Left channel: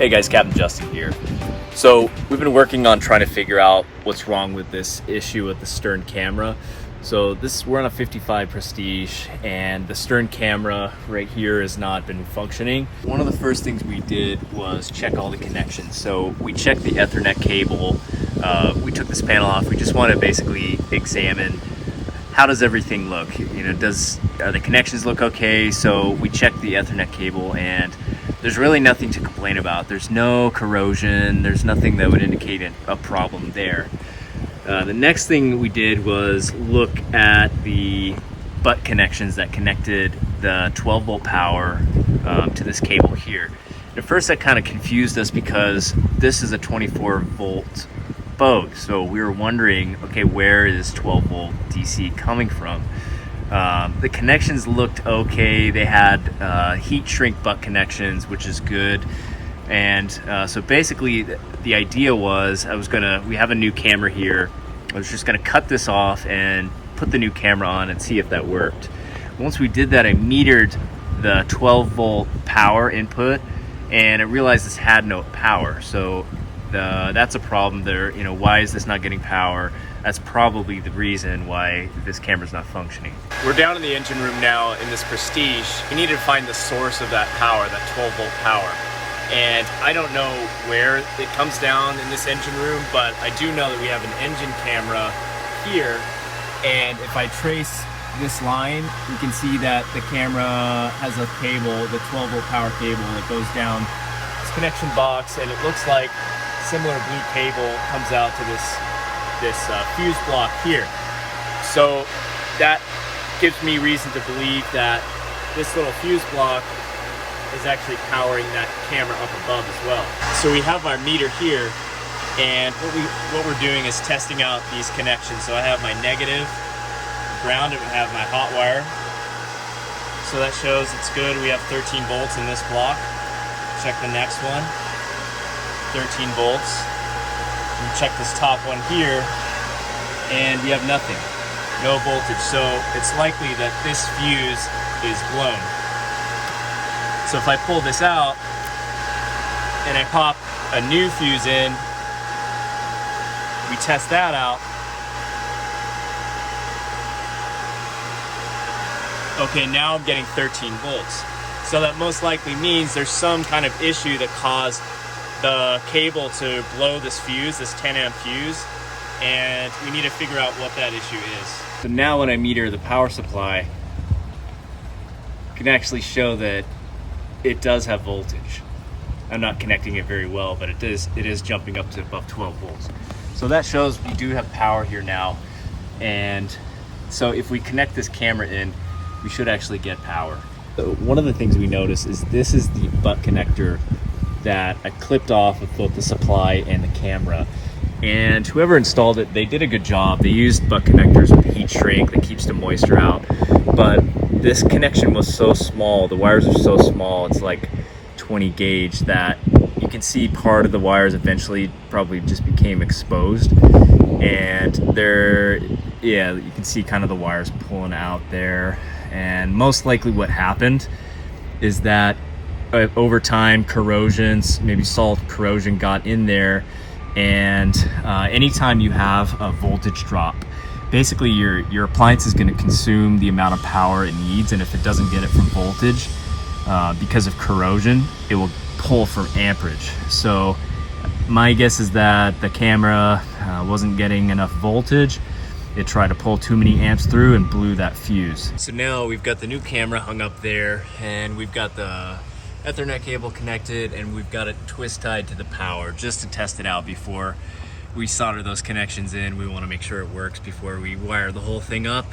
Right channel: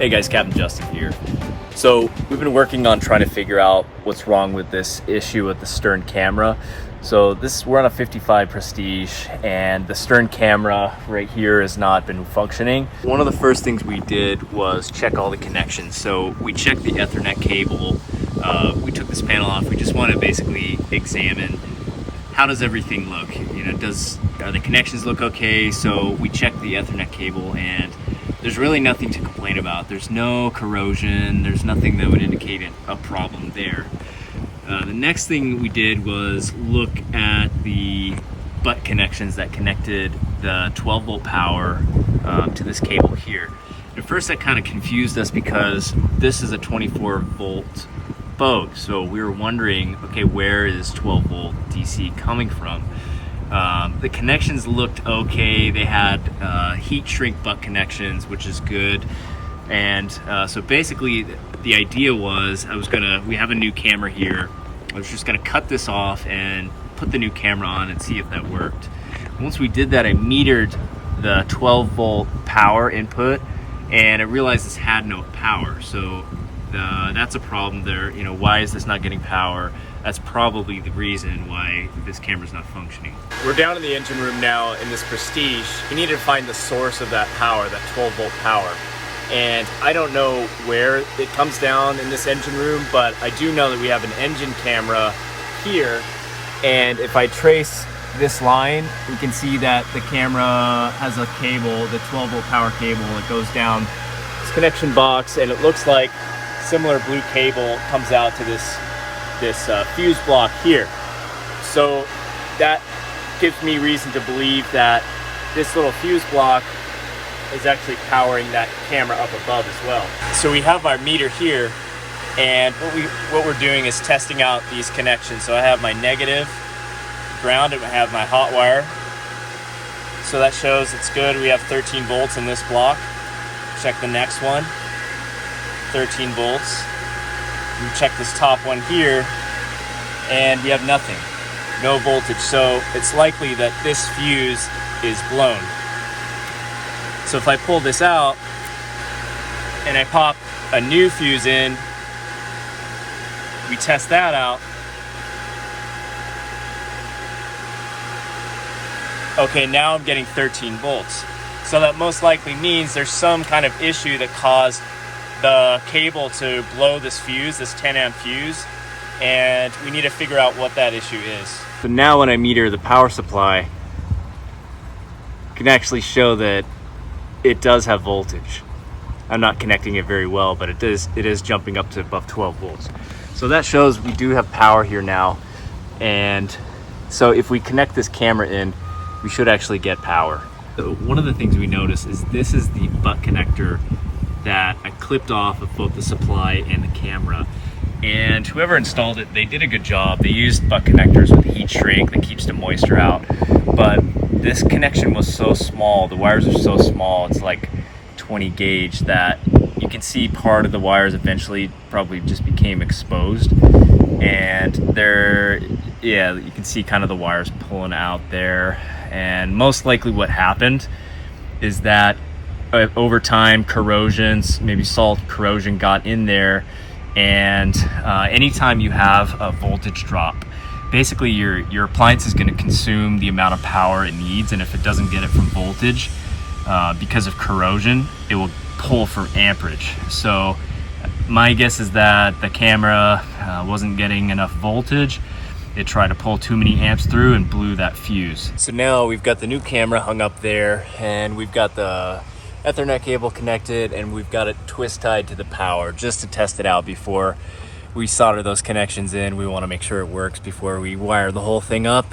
Hey guys, Captain Justin here. So we've been working on trying to figure out what's wrong with this issue with the stern camera. So we're on a 55 Prestige and the stern camera right here has not been functioning. One of the first things we did was check all the connections. So we checked the Ethernet cable. We took this panel off. We just want to basically examine how does everything look. You know, are the connections look okay? So we checked the Ethernet cable and there's really nothing to complain about. There's no corrosion. There's nothing that would indicate a problem there. The next thing we did was look at the butt connections that connected the 12 volt power to this cable here. At first that kind of confused us because this is a 24 volt boat. So we were wondering, okay, where is 12 volt DC coming from? The connections looked okay. They had heat shrink butt connections, which is good. And so basically the idea was we have a new camera here. I was just gonna cut this off and put the new camera on and see if that worked. Once we did that, I metered the 12 volt power input and I realized this had no power. So that's a problem there. You know, why is this not getting power? That's probably the reason why this camera's not functioning. We're down in the engine room now in this Prestige. We need to find the source of that power, that 12 volt power. And I don't know where it comes down in this engine room, but I do know that we have an engine camera here. And if I trace this line, you can see that the camera has a cable, the 12 volt power cable that goes down this connection box, and it looks like similar blue cable comes out to this fuse block here. So that gives me reason to believe that this little fuse block is actually powering that camera up above as well. So we have our meter here, and what we're doing is testing out these connections. So I have my negative ground and I have my hot wire. So that shows it's good. We have 13 volts in this block. Check the next one, 13 volts. You check this top one here and you have nothing, no voltage. So it's likely that this fuse is blown. So if I pull this out and I pop a new fuse in, we test that out. Okay, now I'm getting 13 volts. So that most likely means there's some kind of issue that caused the cable to blow this fuse, this 10 amp fuse, and we need to figure out what that issue is. So now when I meter the power supply, I can actually show that it does have voltage. I'm not connecting it very well, but it is jumping up to above 12 volts. So that shows we do have power here now. And so if we connect this camera in, we should actually get power. One of the things we notice is this is the butt connector that I clipped off of both the supply and the camera. And whoever installed it, they did a good job. They used butt connectors with heat shrink that keeps the moisture out. But this connection was so small, the wires are so small, it's like 20 gauge, that you can see part of the wires eventually probably just became exposed. And you can see kind of the wires pulling out there. And most likely what happened is that over time, corrosions, maybe salt corrosion got in there. And anytime you have a voltage drop, basically your appliance is going to consume the amount of power it needs, and if it doesn't get it from voltage, because of corrosion, it will pull from amperage. So my guess is that the camera wasn't getting enough voltage. It tried to pull too many amps through and blew that fuse. So now we've got the new camera hung up there, and we've got the Ethernet cable connected, and we've got it twist tied to the power just to test it out before we solder those connections in. We want to make sure it works before we wire the whole thing up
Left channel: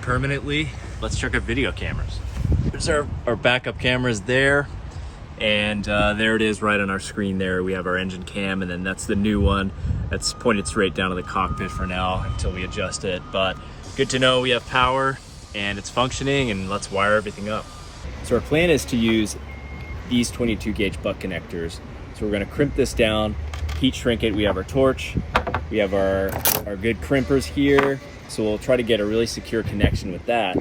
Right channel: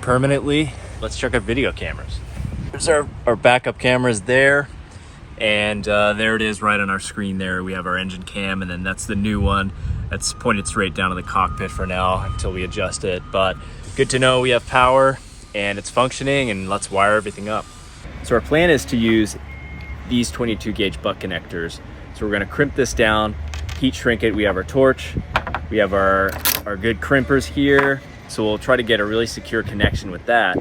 permanently. Let's check our video cameras. There's our backup cameras there, and there it is right on our screen there. We have our engine cam, and then that's the new one that's pointed straight down to the cockpit for now until we adjust it. But good to know we have power and it's functioning, and let's wire everything up. So our plan is to use these 22 gauge butt connectors. So we're going to crimp this down, heat shrink it. We have our torch, we have our good crimpers here. So we'll try to get a really secure connection with that.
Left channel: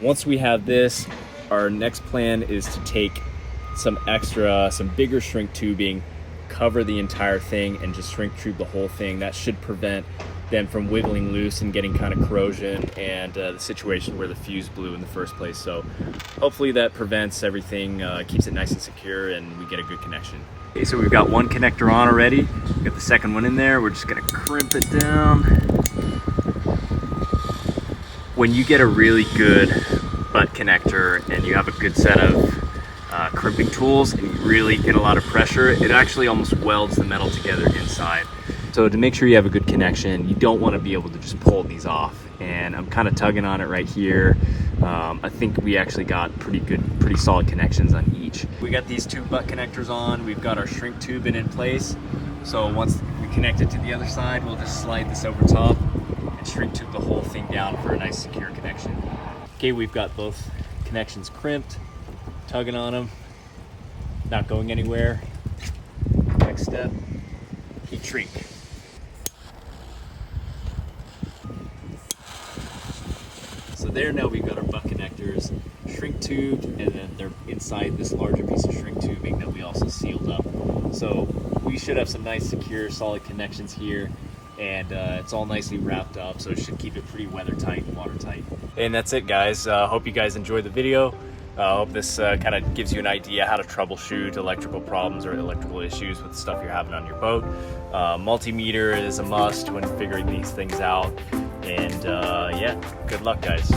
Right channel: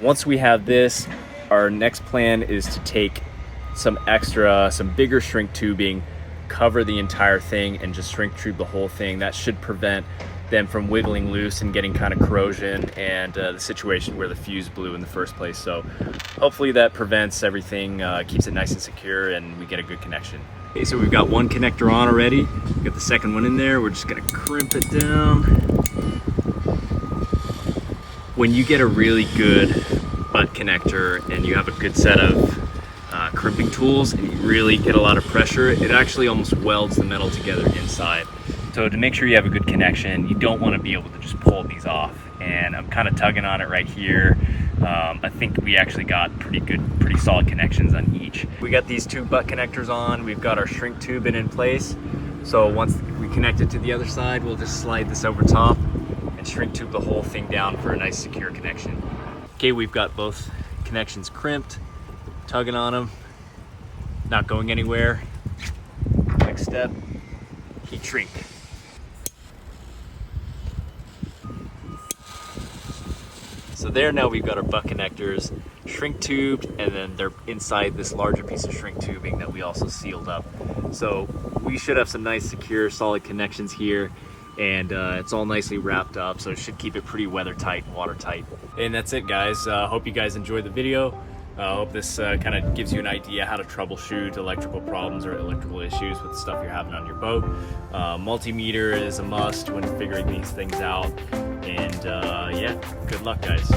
Once we have this, our next plan is to take some bigger shrink tubing, cover the entire thing and just shrink tube the whole thing. That should prevent them from wiggling loose and getting kind of corrosion and the situation where the fuse blew in the first place. So hopefully that prevents everything, keeps it nice and secure, and we get a good connection. Okay, so we've got one connector on already. We've got the second one in there. We're just gonna crimp it down. When you get a really good butt connector and you have a good set of crimping tools and you really get a lot of pressure, it actually almost welds the metal together inside. So to make sure you have a good connection, you don't want to be able to just pull these off. And I'm kind of tugging on it right here. I think we actually got pretty solid connections on each. We got these two butt connectors on. We've got our shrink tube in place. So once we connect it to the other side, we'll just slide this over top and shrink tube the whole thing down for a nice secure connection. Okay, we've got both connections crimped, tugging on them, not going anywhere. Next step, heat shrink. So there, now we've got our butt connectors shrink tubed, and then they're inside this larger piece of shrink tubing that we also sealed up. So we should have some nice, secure, solid connections here, and it's all nicely wrapped up, so it should keep it pretty weather tight and watertight. And that's it, guys. Hope you guys enjoyed the video. I hope this kind of gives you an idea how to troubleshoot electrical problems or electrical issues with the stuff you're having on your boat. Multimeter is a must when figuring these things out. And yeah, good luck, guys.